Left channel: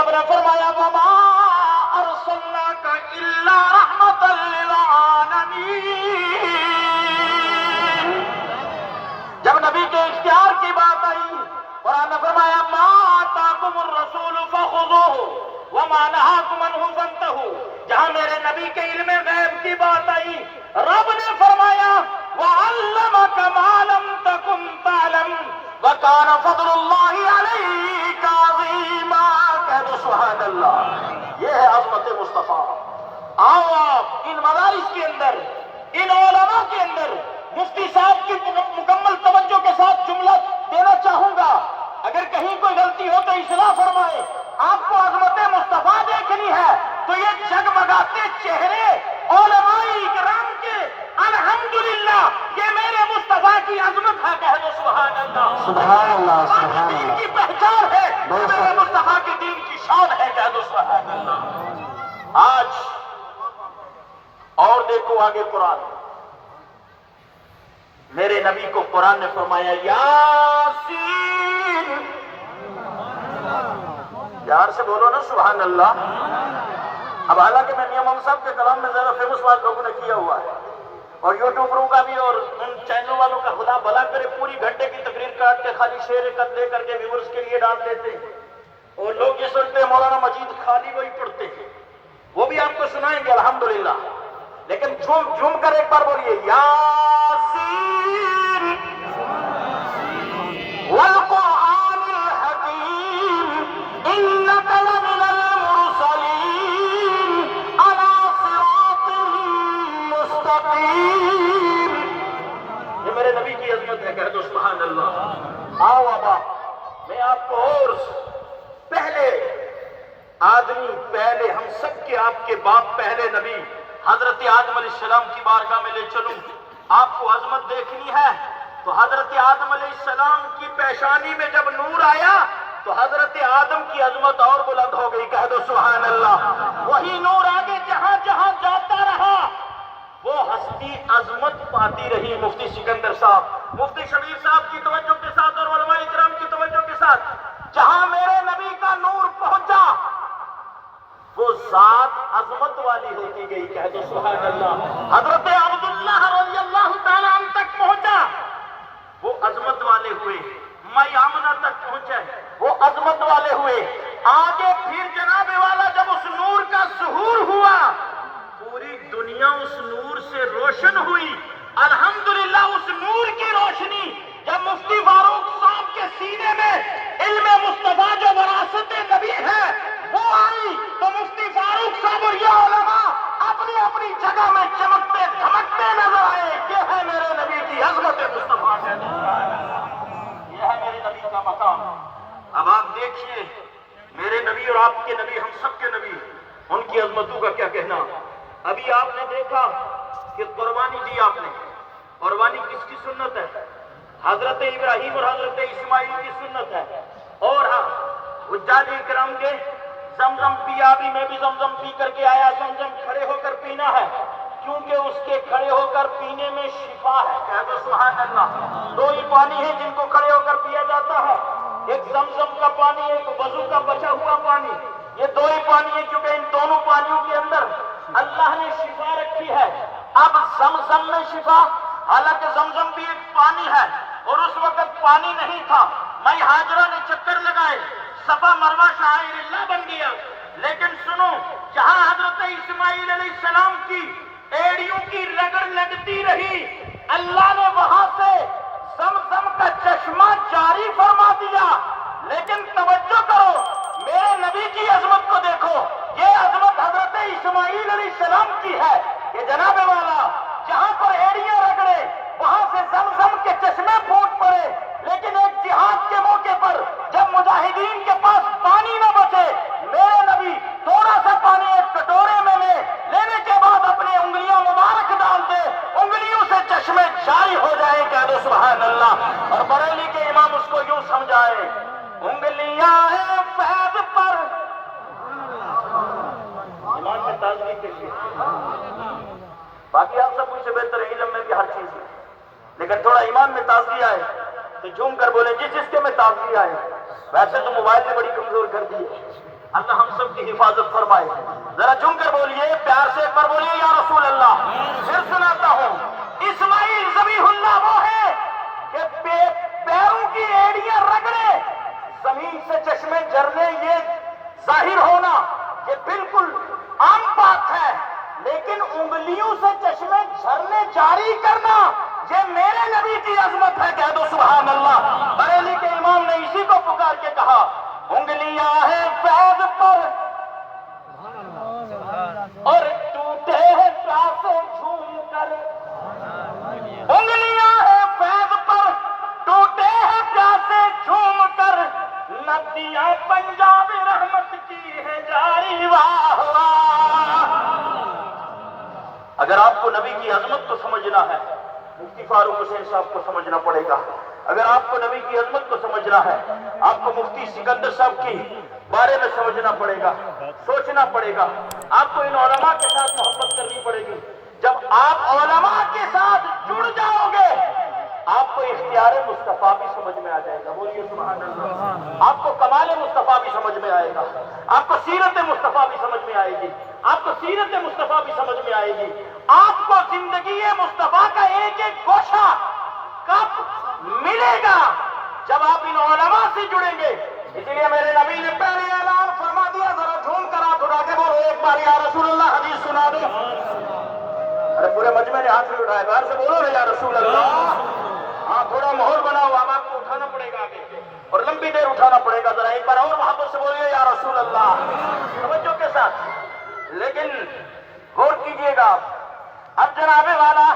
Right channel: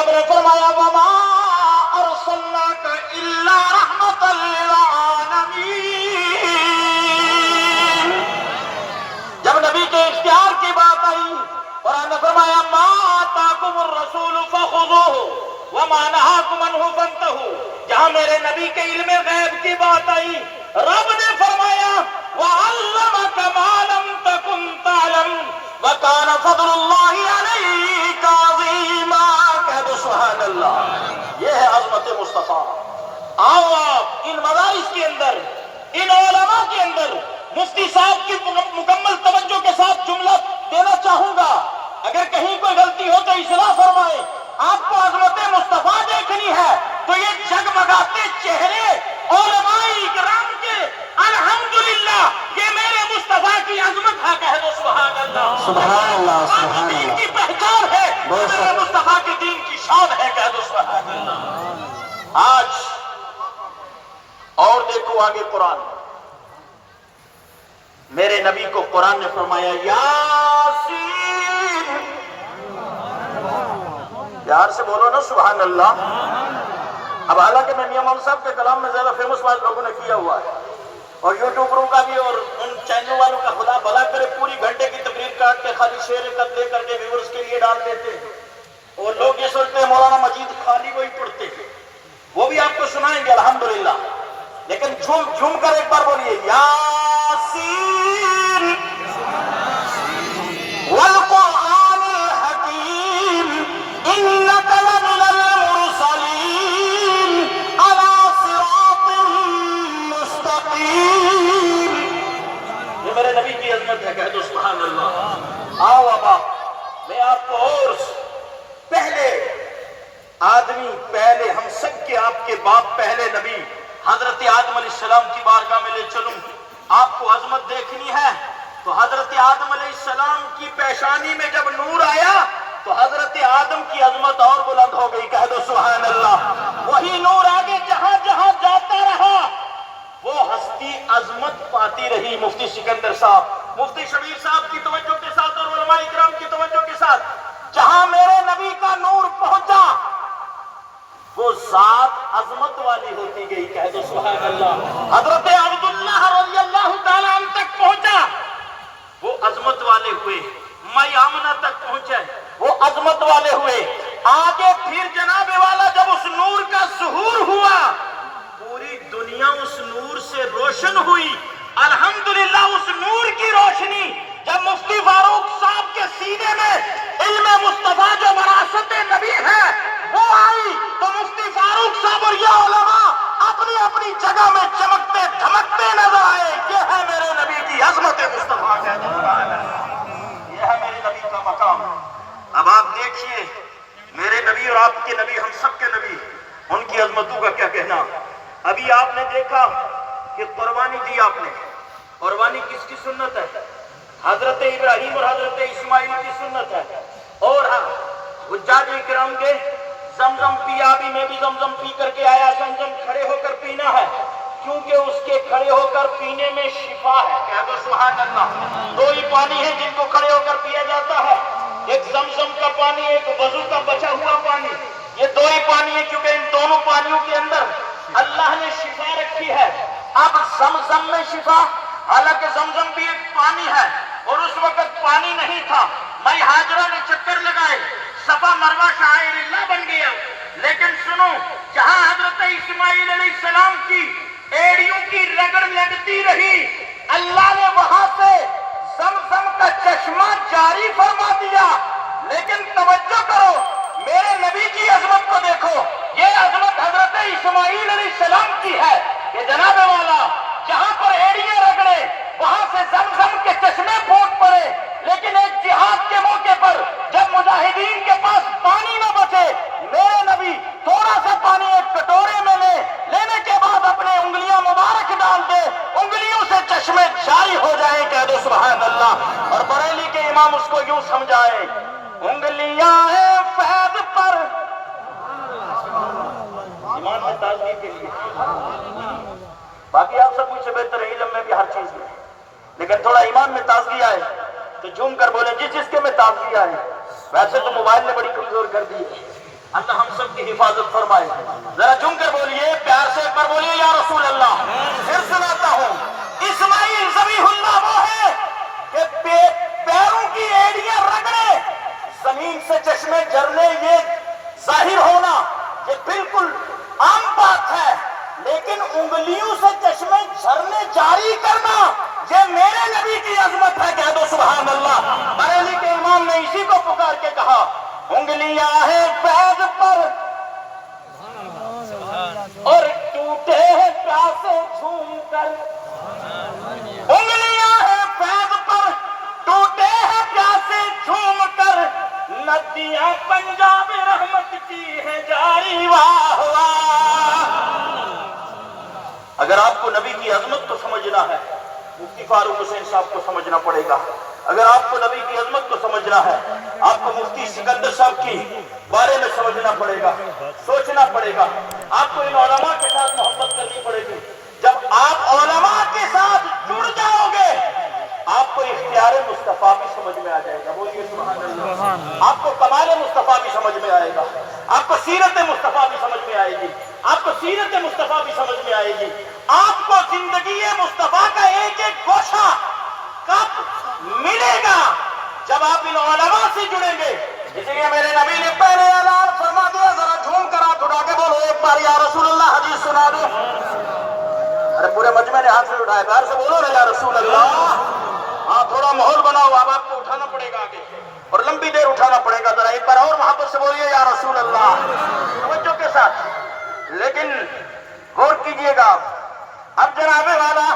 رب نے فرمایا وما ارسلناک الا رحمۃ للعالمین۔ جب نبی کے اختیار کی بات آئی، قرآن نے فرمایا ما آتاکم الرسول فخذوہ وما نہاکم عنہ فانتہوا۔ جہاں میرے نبی کے علم غیب کی بات آئی، رب نے فرمایا وعلمک ما لم تکن تعلم وکان فضل اللہ علیک عظیما۔ کہہ دو سبحان اللہ۔ یہ ہے عظمت مصطفیٰ۔ آؤ آپ ان مدارس کے اندر، ان علماء کے اندر مفتی صاحب کی مکمل توجہ کے ساتھ جملہ دینا چاہوں گا۔ اگر کہیں کوئی غلطی ہو تو اصلاح فرمائے۔ آپ کو عظمت مصطفیٰ دیکھنی ہے تو یہ جگمگاتے چہرے علماء اکرام کے، الحمدللہ یہ میرے مصطفیٰ کی عظمت ہے۔ کہہ دو سبحان اللہ۔ سبحان اللہ، سبحان دین اللہ۔ کی پہچان ہے، میرے مصطفیٰ کے دین کی شان ہے۔ کہہ دو سبحان اللہ۔ آج اور دیکھو آگے قرآن، میرے نبی کو قرآن نے فرمایا یاسین۔ پیار سے بولو نا سبحان اللہ۔ اب حالانکہ میں میاں محمد صاحب کے کلام میں زیادہ فیمس بات لوگوں نے کیا ہوا ہے، اور یوٹیوبروں کا بھی اور ان چینل والوں کا خدا بھلا کرے، پوری گھنٹے کی تقریر کاٹ کے خالی شعر لے کر کے ویورز کے لیے ڈال دیتے ہیں، اور لوگ یہ سنتے ہیں مولانا مجید خالی وہی پڑھتے ہیں، وہ بھی آپ کو سنائیں گے الحمدللہ، لیکن جھوم کر ایک بار بولیے یاسین والقرآن الحکیم انک لمن المرسلین علی صراط مستقیم۔ یہ میرے نبی کی عظمت ہے۔ کہہ دو سبحان اللہ۔ آؤ اب میں آپ کو اور پہلے آدمی، پہلے ہم سب کے آپ کے باپ، پہلے نبی حضرت آدم علیہ السلام کی بارگاہ میں لے چلوں۔ آپ کو عظمت دیکھنی ہے تو حضرت آدم علیہ السلام کی پیشانی میں جب نور آیا تو حضرت آدم کی عظمت اور بلند ہو گئی۔ کہہ دو سبحان اللہ۔ وہی نور آگے جہاں جہاں جاتا رہا وہ ہستی عظمت پاتی رہی۔ مفتی سکندر صاحب، مفتی شبیر صاحب کی توجہ کے ساتھ اور علماء اکرام کی توجہ کے ساتھ، جہاں میرے نبی کا نور پہنچا وہ ذات عظمت والی ہوتی گئی۔ کہہ دو سبحان اللہ۔ حضرت عبداللہ رضی اللہ تعالیٰ عنہ تک پہنچا وہ عظمت والے ہوئے، مائی آمنہ تک پہنچے وہ عظمت والے ہوئے۔ آگے پھر جناب والا جب اس نور کا ظہور ہوا پوری دنیا اس نور سے روشن ہوئی۔ الحمدللہ اس نور کی روشنی جب مفتی فاروق صاحب کے سینے میں علم مصطفیٰ جو وراثت نبی ہے وہ آئی تو مفتی فاروق صاحب اور یہ علماء اپنی اپنی جگہ میں چمکتے دھمکتے نظر آئے۔ یہ ہے میرے نبی کی عظمت مصطفیٰ، یہ ہے میرے نبی کا مقام۔ اب آپ دیکھیے میرے نبی اور آپ کے نبی، ہم سب کے نبی، ان کی عظمتوں کا کیا کہنا۔ ابھی آپ نے دیکھا کہ قربانی دی آپ نے، قربانی کس کی سنت ہے؟ حضرت ابراہیم اور حضرت اسماعیل کی سنت ہے۔ اور حجاج اکرام کے زمزم پیا بھی، میں بھی زمزم پی کر کے آیا، زمزم کھڑے ہو کر پینا ہے کیونکہ اس کے کھڑے ہو کر پینے میں شفا ہے۔ کہہ دو سبحان اللہ۔ دو ہی پانی ہیں جن کو کھڑے ہو کر پیا جاتا ہے، ایک زمزم کا پانی، ایک وضو کا بچا ہوا پانی۔ یہ دو ہی پانی ہیں کیونکہ ان دونوں پانیوں کے اندر اللہ نے شفا رکھی ہے۔ اب زمزم میں شفا، حالانکہ زمزم بھی ایک پانی ہے اور اس وقت پانی نہیں تھا، میں ہاجرہ نے چکر لگائے، صفا مروہ شعائر اللہ بن گیا۔ لیکن سنو، جہاں حضرت اسماعیل علیہ السلام کی ایڑیوں کی رگڑ لگتی رہی اللہ نے وہاں سے زمزم کا چشمہ جاری فرما دیا۔ لیکن توجہ کرو، میرے نبی کی عظمت کو دیکھو، یہ عظمت حضرت اسماعیل علیہ السلام کی ہے کہ جناب والا جہاں پر ایڑیاں رگڑے وہاں سے زمزم کے چشمے پھوٹ پڑے۔ لیکن ایک جہاد کے موقع پر جب مجاہدین کے پاس پانی نہ بچے، میرے نبی تھوڑا سا پانی ایک کٹورے میں لینے کے بعد اپنے انگلیاں مبارک ڈال دے، انگلیوں سے چشمے جاری ہو جائیں۔ کہہ دو سبحان اللہ۔ اور بریلی کے امام اس کو یوں سمجھائے، انگلیاں فیض پر ایمان میں تازگی کے لیے۔ باقی آپ سب مجھ سے بہتر ہے علم میں بھی ہر چیز میں، لیکن تھوڑا ایمان میں تازگی آئے تو جھوم کر بولیں جس کے میں تازگی آئے۔ ویسے تو موبائل نے بڑی کمزور کر دی ہے، اللہ ہم سب کی حفاظت فرمائے. ذرا جم کر بولیے, پیار سے ایک بار بولیے یا رسول اللہ. پھر سناتا ہوں, اسماعیل ذبیح اللہ وہ ہے کہ پیروں کی ایڑیاں رگڑے, زمین سے چشمے جھرنے, یہ ظاہر ہونا یہ بالکل عام بات ہے, لیکن انگلیوں سے چشمے جھرنے جاری کرنا یہ میرے نبی کی عظمت ہے. کہہ دو سبحان اللہ. بریلی کے امام نے اسی کو پکار کے کہا, انگلیاں ہیں فیض پر اور ٹوٹے ہیں پیاسے جھوم کر. انگلیاں ہیں فیض پر ٹوٹے ہیں پیاسے جھوم کر, ندیاں پنجاب رحمت کی ہے جاری. واہ واہ. اگر آپ کو نبی کی عظمت کو سمجھنا ہے, مفتی فاروق حسین صاحب کو سمجھنا پڑے گا. اگر آپ کو نبی کی عظمت کو سمجھنا ہے, آپ کو مفتی سکندر صاحب کی بارے میں سمجھنا پڑے گا, سوچنا پڑے گا. آپ کو ان علماء کے ساتھ محبت کرنی پڑے گی. جب آپ علماء کے ساتھ جڑ جاؤ گے, آپ کو اختیار مصطفیٰ بھی سمجھ میں آ جائے گا. بولیے سبحان اللہ. آپ کو کمال مصطفیٰ بھی سمجھ میں آئے گا, آپ کو سیرت مصطفیٰ بھی سمجھ میں آئے گی, آپ کو سیرت مصطفیٰ بھی سمجھ میں آئے گی. آپ کو زندگی مصطفیٰ کا ایک ایک گوشہ کب ملے گا؟ جب آپ ان علماء سے جڑیں گے. اس لیے میرے نبی نے پہلے اعلان فرما دیا, ذرا جھوم کر ہاتھ اٹھا کے بولو ایک بار یا رسول اللہ حدیث سنا دو. ارے پورے مجمع نے ہاتھ نہیں اٹھائے, باہر سے بولو نا یا رسول اللہ. ہاں تھوڑا ماحول بناؤ, اب آپ کو اٹھانا پڑے گا آگے اور لمبی دیر اٹھانا پڑے گا. ذرا ایک بار اور محبت سے بولیے یا رسول اللہ, توجہ کے ساتھ. لیکن غور کیجئے گا, اب جناب والا